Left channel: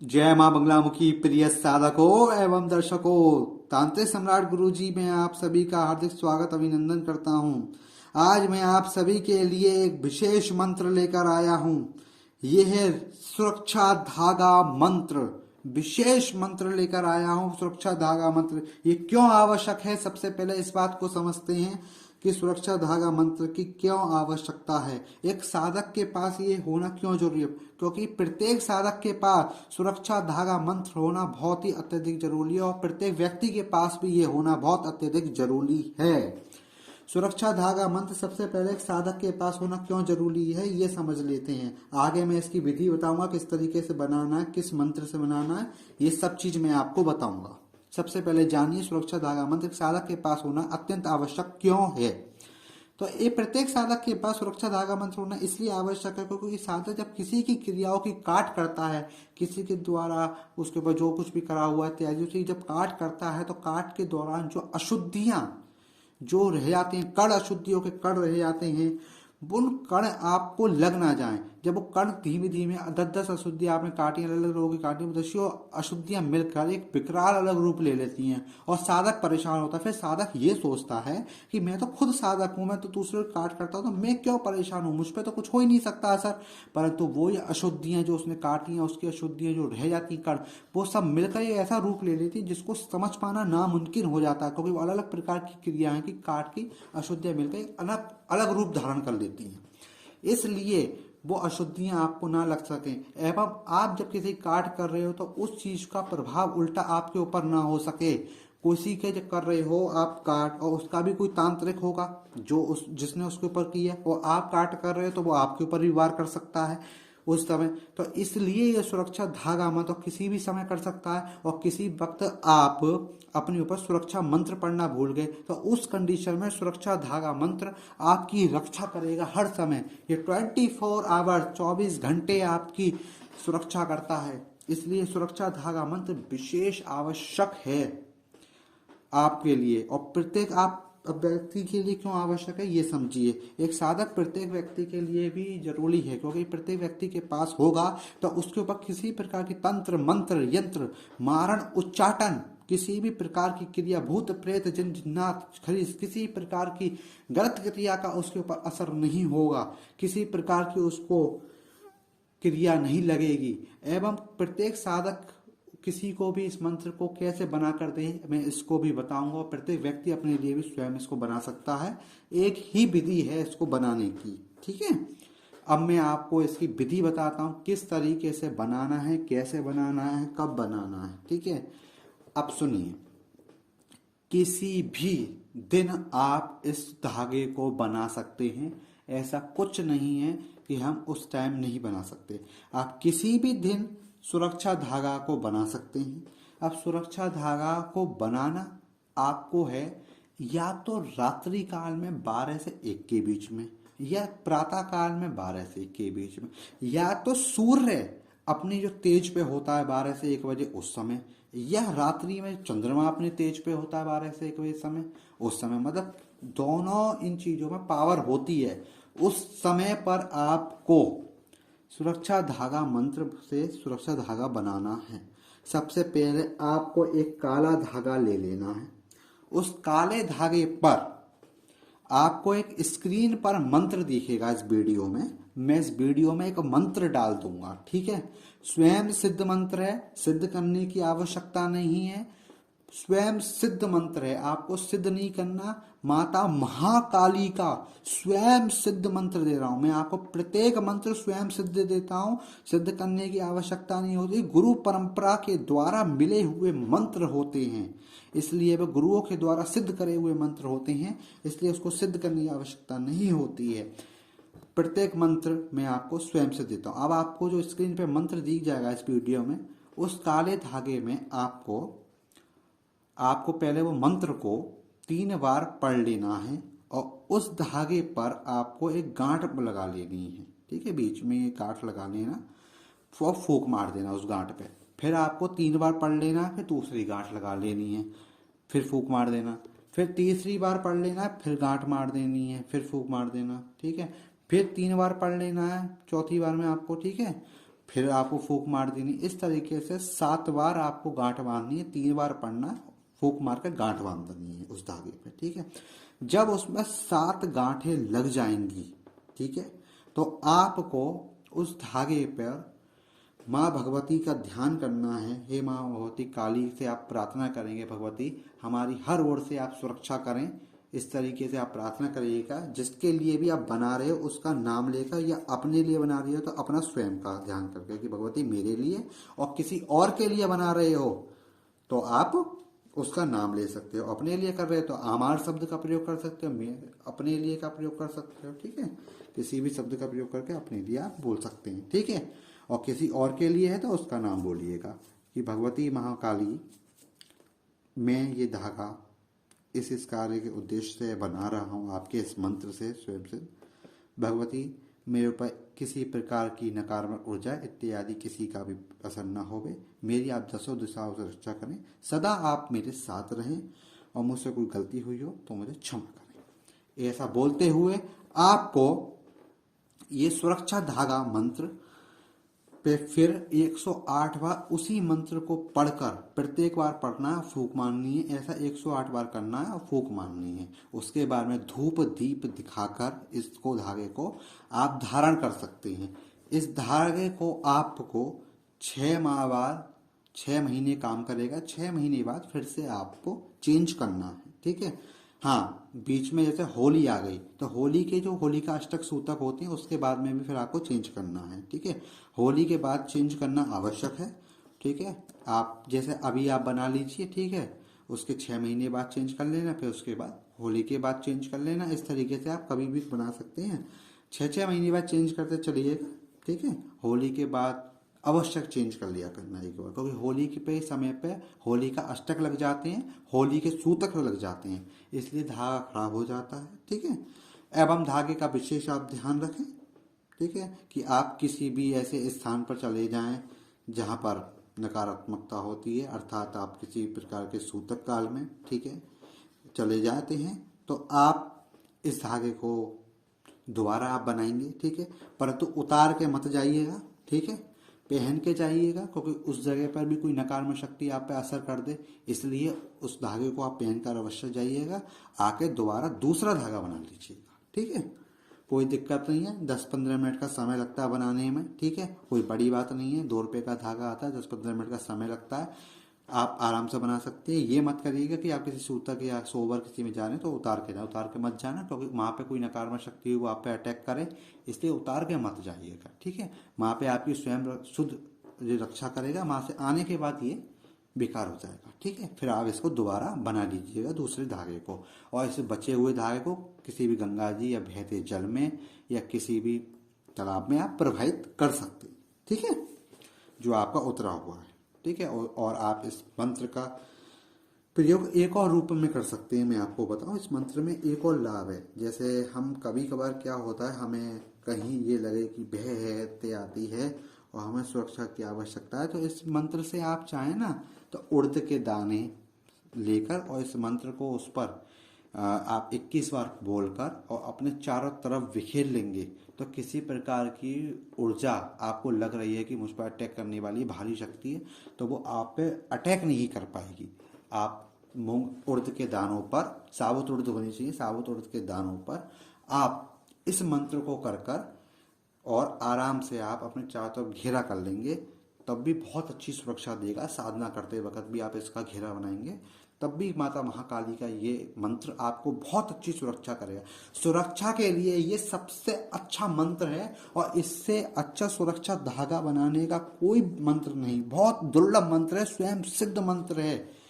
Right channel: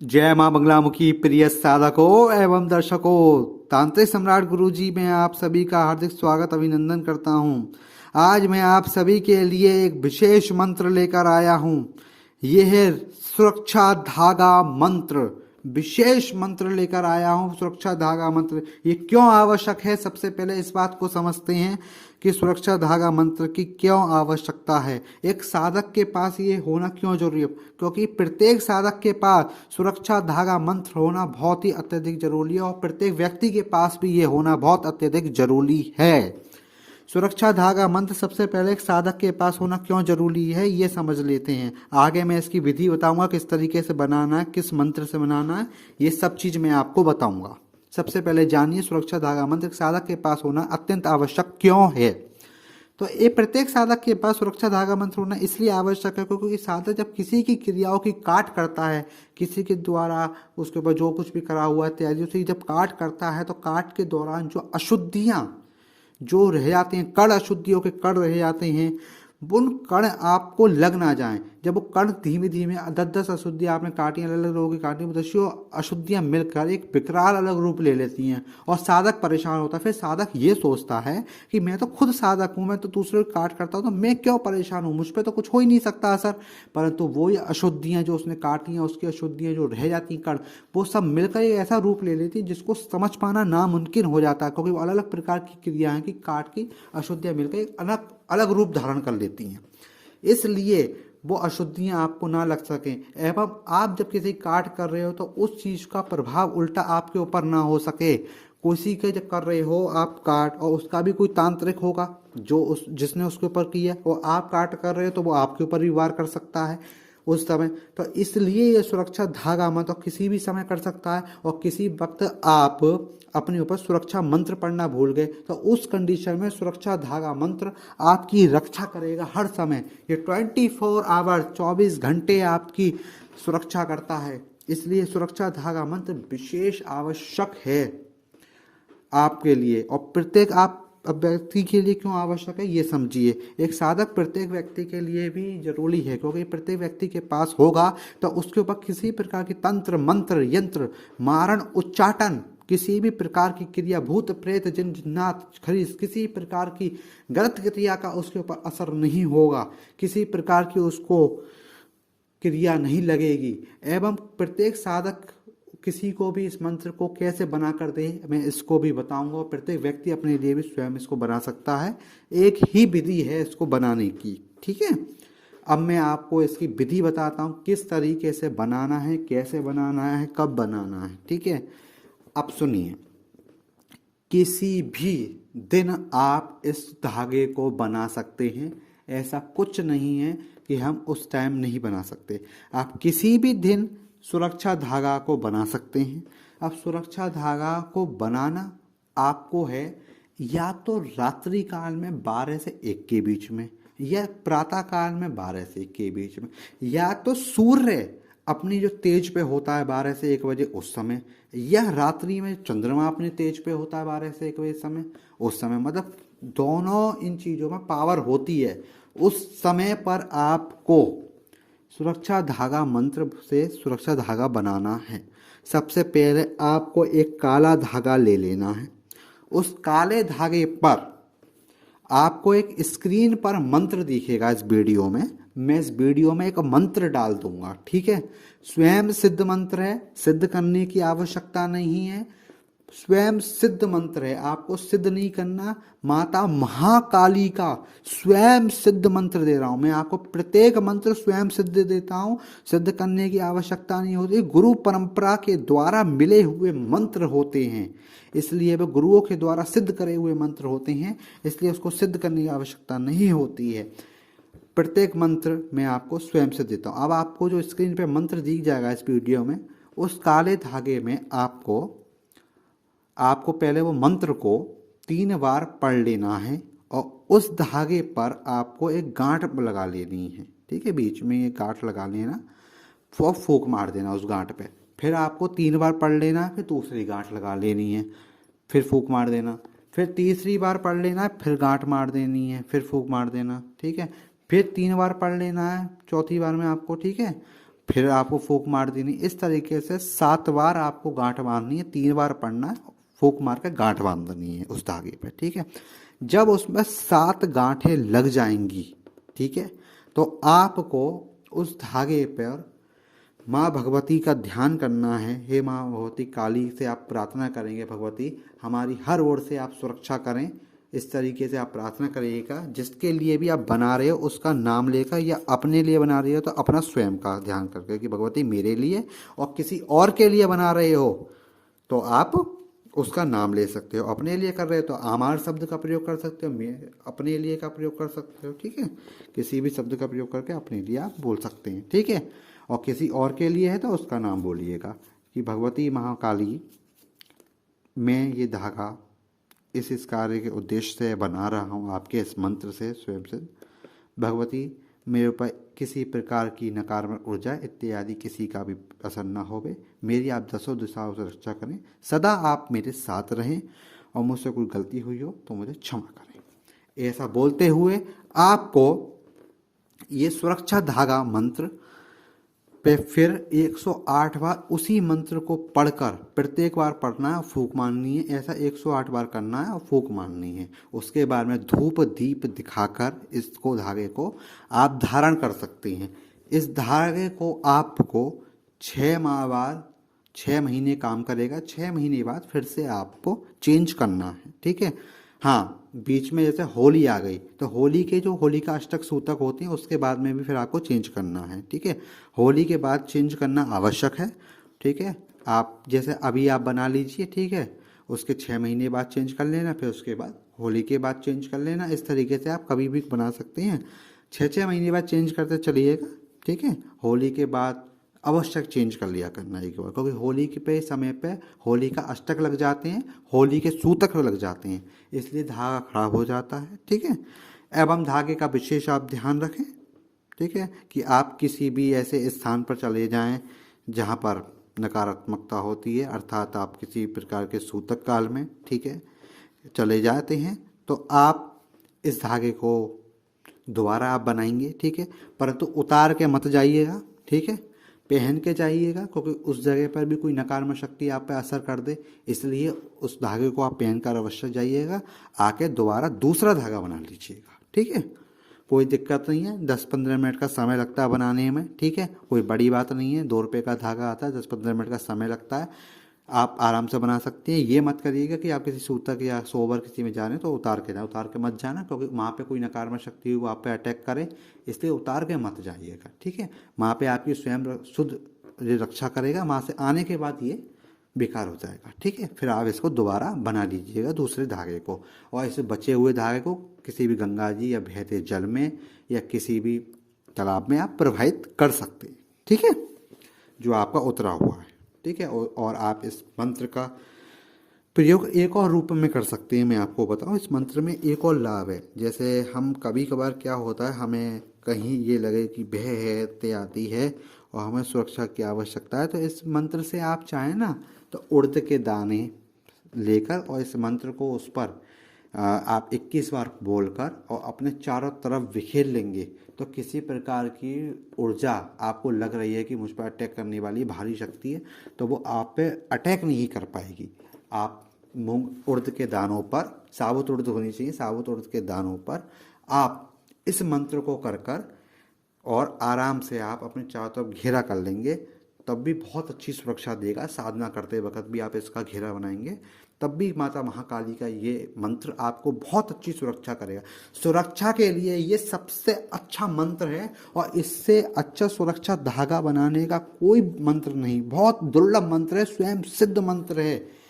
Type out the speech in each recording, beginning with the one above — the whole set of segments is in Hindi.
जय मां बंगलामुखी प्रिय साधकों एवं दर्शकों, तांत्रिक सम्राट गुरुजी में आप सभी का हार्दिक स्वागत अभिनंदन करता हूं। आज मैं आप सभी के लिए एक विशेष मंत्र लेकर आया हूं। यह है सुरक्षा धागा मंत्र। विशेष मंत्र लेकर आया हूं, सुरक्षा धागा मंत्र। ये क्यों आवश्यक है, सबसे पहले इस बात को समझते हैं कि सुरक्षा धागा मंत्र की क्यों आवश्यकता है। एक साधक के पास ये होना क्यों जरूरी है, क्योंकि प्रत्येक साधक के पास सुरक्षा धागा मंत्र होना बहुत ही अत्यधिक जरूरी है और प्रत्येक व्यक्ति के पास भी ये होना बहुत अत्यधिक जरूरी है। सुरक्षा धागा मंत्र सबसे पहले एक साधक के पास होना क्यों जरूरी है, ये समझ लेते हैं। आगे मैं इसकी विधि बताऊंगा, किस तरीके से बनाना है, किस मंत्र से बनाना है, ये सब चीज मैं आपको बताऊंगा। सबसे पहले जानिए सुरक्षा धागा मंत्र साधक के पास होना अत्यंत आवश्यक क्यों है। तो ये प्रत्येक साधक के पास सुरक्षा धागा मंत्र होना इसलिए आवश्यक है क्योंकि साधक जब किसी की क्रियाओं की काट करता है, किसी के द्वारा उसके ऊपर जो कुछ भी करा हुआ है इत्यादि, उसे जब काट करता है तो काट के दौरान जो अशुद्धियां जो रह जाते हैं, कण अशुद्धियों के कण रह जाते हैं, उन कण आपको लग ना जाएं। जब वो कण धीमे धीमे 10-10 अशुद्धियां आपने काटी, अलग अलग लोगों की काटी, दस्यों अशुद्धियां मिलकर एक विकराल अलग रूप ले लेती हैं और साधक परेशान होता है। फिर साधक ये सोचता है कि मैं तो खुद साधक हूं, मैं तो दूसरे को काट करता हूं, तो मैं क्यों परेशान हूं, मुझ पर तो कुछ हो ही नहीं सकता असर। परंतु वो ये अशुद्धियां जो उसने काटी हैं, उसकी अशुद्धियां जो रह जाती कण, वो सब मिलकर एक ऐसा रूप ले लेती है जिसको समझ पाना नामुमकिन हो जाता है, क्योंकि वो अलग अलग प्रकार की क्रियाएं की काट की अशुद्धियां मिलकर एक अलग अलग रूप धारण कर लेती हैं। इसलिए वो अशुद्धियां आपको ना लग सकें एवं आप जब किसी काट कर रहे हो तो उस चीज का प्रभाव उल्टा आपके ऊपर ना हो सके। किसी के जब कर रहे हो आप काट, और उसका भी कोई तांत्रिक होगा जो उस जिसने उसके ऊपर किया, और आप काट कर रहे हो तो वो आपके ऊपर भी वार कर सकता है उस समय। तो इसलिए ये सुरक्षा धागा मंत्र तो किसी भी समय कर सकता है, और किसी वक्त आप अपने ऊपर सुरक्षा मंत्र पढ़ना भूल गए तो उस कंडीशन में सुरक्षा धागा मंत्र आपकी रक्षा करेगा हर समय। ये 24 आवर 24 घंटे आपकी सुरक्षा करता है। इसलिए सुरक्षा धागा मंत्र विशेष आवश्यक है आपके लिए। और प्रत्येक आप अब व्यक्ति के लिए क्यों आवश्यक है ये समझिए। एक साधक प्रत्येक व्यक्ति के लिए भी जरूरी है, क्योंकि प्रत्येक व्यक्ति के पास होगा तो उसके ऊपर किसी प्रकार की तंत्र मंत्र यंत्र मारण उच्चाटन, किसी भी प्रकार की क्रिया, भूत प्रेत जिन जिन्नात खरीद, किसी प्रकार की गलत क्रिया का उसके ऊपर असर नहीं होगा, किसी प्रकार की उसको क्रिया नहीं लगेगी। एवं प्रत्येक साधक किसी को भी इस मंत्र को कैसे बना कर दे मैं इसको भी बताऊंगा। प्रत्येक व्यक्ति अपने लिए भी स्वयं इसको बना सकता है, एक ही विधि है इसको बनाने की, ठीक है। अब मैं आपको इसकी विधि बताता हूँ, किस तरीके से बनाना है, कैसे बनाना है, कब बनाना है, ठीक है। अब सुनिए, किसी भी दिन आप इस धागे को बना सकते हैं, ऐसा कुछ नहीं है कि हम उस टाइम नहीं बना सकते। आप किसी भी दिन सुरक्षा धागा को बना सकते हैं। अब सुरक्षा धागा को बनाना आपको है या तो रात्रि काल में 12 से 1 के बीच में, या प्रातः काल में 12 से 1 के बीच में, या तो सूर्य अपनी जो तेज पे होता है 12 से 1 बजे उस समय, या रात्रि में चंद्रमा अपने तेज पे होता है 12 से 1 बजे समय, उस समय। मतलब दोनों इन चीजों में पावर होती है। उस समय पर आपको सुरक्षा धागा मंत्र से सुरक्षा धागा बनाना है। सबसे पहले आपको एक काला धागा ले लेना है। उस काले धागे पर आपको एक स्क्रीन पर मंत्र दिखेगा। इस वीडियो में मैं इस वीडियो में एक मंत्र डाल दूंगा, ठीक है। स्वयं सिद्ध मंत्र है, सिद्ध करने की आवश्यकता नहीं है, स्वयं सिद्ध मंत्र है, आपको सिद्ध नहीं करना। माता महाकाली का स्वयं सिद्ध मंत्र दे रहा हूं मैं आपको। प्रत्येक मंत्र स्वयं सिद्ध देता हूं, सिद्ध करने की आवश्यकता नहीं होती। गुरु परंपरा के द्वारा मिले हुए मंत्र होते हैं, इसलिए वे गुरुओं के द्वारा सिद्ध करे हुए मंत्र होते हैं, इसलिए उसको सिद्ध करने की आवश्यकता नहीं होती है। प्रत्येक मंत्र मैं आपको स्वयं से देता हूं। अब आपको जो स्क्रीन पे मंत्र दिख जाएगा इस वीडियो में, उस काले धागे में आपको पहले वो मंत्र को 3 बार पढ़ लेना है, और उस धागे पर आपको एक गांठ लगा लेनी है, ठीक है। बीच में ये गांठ लगा लेना, तो फूंक मार देना उस गांठ पे। फिर आपको 3 बार पढ़ लेना, फिर दूसरी गांठ लगा लेनी है, फिर फूंक मार देना, फिर तीसरी बार पढ़ लेना है, फिर गांठ मार देनी है, फिर फूंक मार देना, ठीक है। फिर 3 बार पढ़ लेना है चौथी बार में आपको, ठीक है। फिर आपको फूंक मार देनी। इस तरीके से 7 बार आपको गांठ बांधनी है, 3 बार पढ़ना है, फूंक मार के गांठ बांधनी है उस धागे पे, ठीक है। जब उसमें 7 गांठें लग जाएंगी, ठीक है, तो आपको उस धागे पर माँ भगवती का ध्यान करना है। हे माँ भगवती काली से आप प्रार्थना करेंगे, भगवती हमारी हर ओर से आप सुरक्षा करें। इस तरीके से आप प्रार्थना करिएगा। जिसके लिए भी आप बना रहे हो उसका नाम लेकर, या अपने लिए बना रहे हो तो अपना स्वयं का ध्यान करके कि भगवती मेरे लिए, और किसी और के लिए बना रहे हो तो आप उसका नाम ले सकते हो। अपने लिए कर रहे हो तो आमार शब्द का प्रयोग कर सकते हो, मैं अपने लिए का प्रयोग कर सकते हो, ठीक है। किसी भी शब्द का प्रयोग करके अपने लिए आप बोल सकते हैं, ठीक है। और किसी और के लिए है तो उसका नाम बोलिएगा कि भगवती महाकाली, मैं ये धागा इस कार्य के उद्देश्य से बना रहा हूँ आपके इस मंत्र से स्वयं से। भगवती मेरे ऊपर किसी प्रकार की नकारात्मक ऊर्जा इत्यादि किसी का भी असर न होवे। मेरी आप 10 दिशाओं से रक्षा करें, सदा आप मेरे साथ रहें, और मुझसे कोई गलती हुई हो तो मुझे क्षमा करें। ऐसा बोलते हुए आपको ये सुरक्षा धागा मंत्र पे फिर 108 बार उसी मंत्र को पढ़कर, प्रत्येक बार पढ़ना है, फूंक मारनी है। ऐसा 108 बार करना है और फूंक मारनी है। उसके बाद में धूप दीप दिखाकर इसको धागे को आप धारण कर सकते हैं। इस धागे को आपको 6 माह बाद, 6 महीने काम करेगा। 6 महीने बाद फिर से आपको चेंज करना है, ठीक है। हाँ, बीच में जैसे होली आ गई तो होली के जो होली का अष्टक सूतक होते हैं उसके बाद में भी फिर आपको चेंज करना है, ठीक है। होली के बाद चेंज करना आवश्यक है, ठीक है। आप जैसे अभी आप बना लीजिए, ठीक है, उसके 6 महीने बाद चेंज कर लेना, फिर उसके बाद होली के बाद चेंज कर लेना। इस तरीके से आप कभी भी बना सकते हैं। 6 महीने बाद चेंज करते चलिएगा, ठीक है। होली के बाद आवश्यक चेंज कर लिया करना एक बार, क्योंकि होली के पे समय पे होली का अष्टक लग जाते हैं, होली के सूतक लग जाते हैं, इसलिए धागा खराब हो जाता है, ठीक है। एवं धागे का विशेष आप ध्यान रखें, ठीक है, कि आप किसी भी ऐसे स्थान पर चले जाएं जहां पर नकारात्मकता होती है, अर्थात आप किसी प्रकार के सूतक काल में, ठीक है, चले जाते हैं तो आप इस धागे को दोबारा आप बनाएंगे, ठीक है, परंतु उतार के मत जाइएगा, ठीक है। पहन के जाइएगा, क्योंकि उस जगह पर भी कोई नकारात्मक शक्ति आप पे असर कर दे, इसलिए उस धागे को आप पहन कर अवश्य जाइएगा। आके दोबारा दूसरा धागा बना लीजिएगा, ठीक है। कोई दिक्कत नहीं है, 10-15 मिनट का समय लगता है बनाने में, ठीक है, कोई बड़ी बात नहीं है। 2 रुपये का धागा आता है, 10-15 मिनट का समय लगता है, आप आराम से बना सकते हैं। ये मत करिएगा कि आप किसी सूतक या सोबर किसी में जा रहे हैं तो उतार के जाए, उतार के मत जाना, क्योंकि वहाँ पे कोई नकारात्मक शक्ति वो आप पे अटैक करे, इसलिए उतार के मत जाइएगा, ठीक है। वहाँ पे आपकी स्वयं शुद्ध रक्षा करेगा, वहाँ से आने के बाद ये बेकार हो जाएगा, ठीक है। फिर आप इसको दोबारा बना लीजिएगा दूसरे धागे को, और इस बचे हुए धागे को किसी भी गंगा जी या बहते जल में या किसी भी तालाब में आप प्रवाहित कर सकते हैं, ठीक है, जो आपका उतरा हुआ है, ठीक है। और आप इस मंत्र का प्रयोग एक और रूप में कर सकते हैं। मैं आपको बताऊं, इस मंत्र में एक और लाभ है। जैसे हम कभी कभार क्या होता है, हमें कहीं ये लगे कि भय है, इत्यादि है, और हमें सुरक्षा की आवश्यकता है, तो इस मंत्र से आप चाहें ना तो उड़द के दाने लेकर और इस मंत्र को उस पर आप 21 बार बोलकर और अपने चारों तरफ बिखेर लेंगे, तो किसी प्रकार की ऊर्जा आपको लग रही है कि मुझ पर अटैक करने वाली भारी शक्ति है, तो वो आप पे अटैक नहीं कर पाएगी। आप मूंग उड़द के दानों पर, साबुत उड़द होनी चाहिए, साबुत उड़द के दानों पर आप इस मंत्र को कर कर और आराम से आप अपने चारों तरफ घेरा कर लेंगे, तब भी बहुत अच्छी सुरक्षा देगा। साधना करते वक्त भी आप इसका घेरा बनाएंगे, तब भी माता महाकाली का ये मंत्र आपको बहुत अच्छी सुरक्षा करेगा। सुरक्षा के लिए ये सबसे अच्छा मंत्र है, और इससे अच्छा सुरक्षा धागा बनाने का कोई मंत्र नहीं। बहुत दुर्लभ मंत्र है, स्वयं सिद्ध मंत्र है,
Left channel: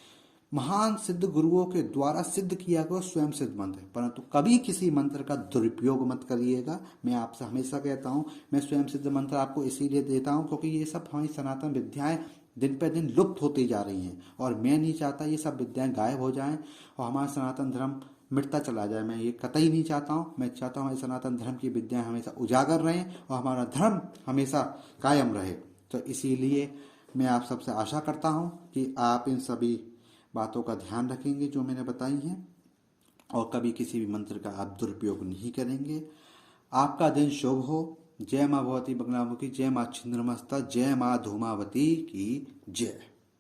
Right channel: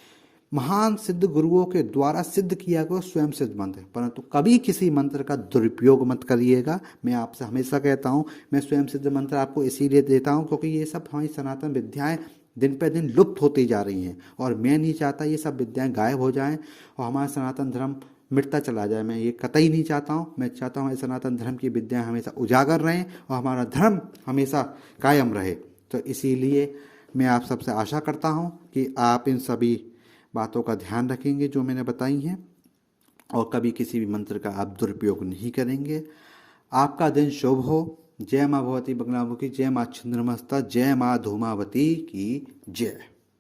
महान सिद्ध गुरुओं के द्वारा सिद्ध किया गया स्वयं सिद्ध मंत्र है। परंतु कभी किसी मंत्र का दुरुपयोग मत करिएगा। मैं आपसे हमेशा कहता हूँ, मैं स्वयं सिद्ध मंत्र आपको इसीलिए देता हूँ क्योंकि ये सब हमारी सनातन विद्याएं दिन पे दिन लुप्त होती जा रही हैं, और मैं नहीं चाहता ये सब विद्याएं गायब हो जाएं और हमारा सनातन धर्म मिटता चला जाए। मैं ये कतई नहीं चाहता हूँ। मैं चाहता हूँ हमारे सनातन धर्म की विद्याएं हमेशा उजागर रहें और हमारा धर्म हमेशा कायम रहे। तो इसीलिए मैं आप सबसे आशा करता हूँ कि आप इन सभी बातों का ध्यान रखेंगे जो मैंने बताई हैं, और कभी किसी भी मंत्र का आप दुरुपयोग नहीं करेंगे। आपका दिन शुभ हो। जय माँ भगवती बगलामुखी, जय माँ छिन्नमस्ता, जय माँ धूमावती की जय।